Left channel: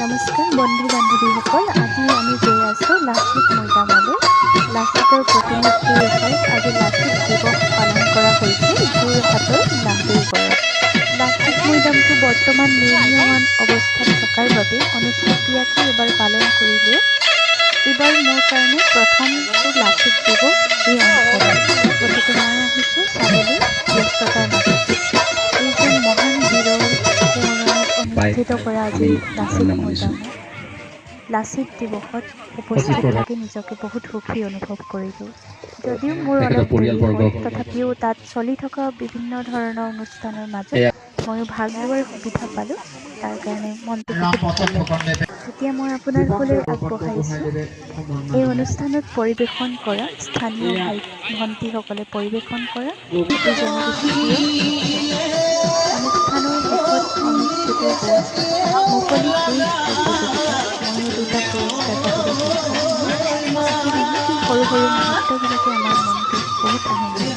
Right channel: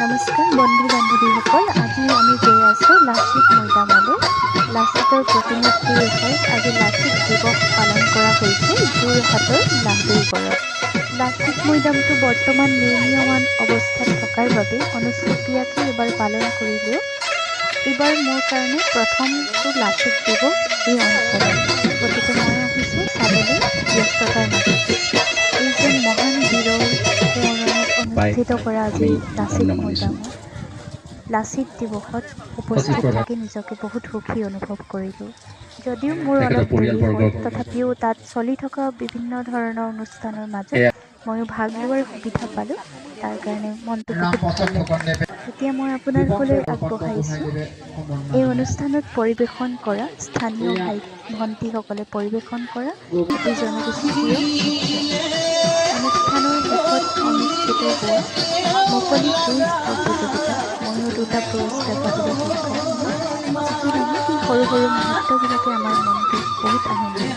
নমস্কাৰ বন্ধু বান্ধৱীসকল, আজি আমি গৈ আছোঁ লাচিত মৈদামলৈ। লাচিতৰ প্ৰতিমূৰ্তিৰ ওচৰত আজি লাচিত দিৱস পালন কৰা হৈছে যোৰহাটৰ লাহদৈগড়ত। লাচিত মৈদামটো বৰ্তমান নিৰ্মীয়মান অৱস্থাত থকাৰ বাবে অনুষ্টুপীয়াকৈ এইবাৰ পালন কৰিলেও এইবাৰ মোৰ কাৰণে প্ৰথমটো লাচিত দিৱস এই অঞ্চলত, গতিকে মই আহিছোঁ চাবলৈ ব্যস্ততাৰ মাজতে। এইজন মহান বীৰৰ সোঁৱৰণত অনুষ্ঠিত কৰা আজি লাচিত মৈদামত লাচিত দিৱসত উপস্থিত থাকি নিজকে বহুত সুখী অনুভৱ কৰিলোঁ। যদিও মোৰ অলপ দেৰি হ'ল, তথাপিও তাত চলি থকা বিভিন্ন ধৰণৰ অনুষ্ঠানৰ মাজত ময়ো ভাগ লোৱাৰ সুবিধা পালোঁ। তাৰ কাৰণে মনটো বহুত ভাল লাগিল। এতিয়া মই আপোনালোকলৈ আগবঢ়াইছোঁ এই অনুষ্ঠানত পৰিৱেশন কৰা স্থানীয় ভাই ভণ্টিসকলে পৰিৱেশন কৰা এটি জনগোষ্ঠীয় নৃত্য। অনুষ্ঠানৰ শেষত অনুষ্ঠিত হোৱা মুকলি কুইজ প্ৰতিযোগিতাত ময়ো 2টা পুৰস্কাৰ পাবলৈ সক্ষম হ'লোঁ। যি কি নহওক, এই সৰু সৰু মুহূৰ্তবিলাকে আমাৰ মনটোক বহুত আনন্দ দিয়ে।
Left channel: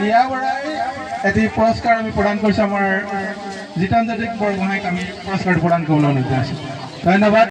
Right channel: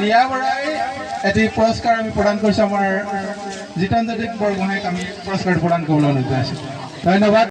ৰিয়া বৰা এটি পুৰস্কাৰ আমি প্ৰদান কৰিছোঁ আমাৰ জিতেন্দ্ৰ বৰগোহাঁইক আমি পুৰস্কাৰ প্ৰদান কৰিবলৈ অনুৰোধ জনাইছোঁ। ধন্যবাদ।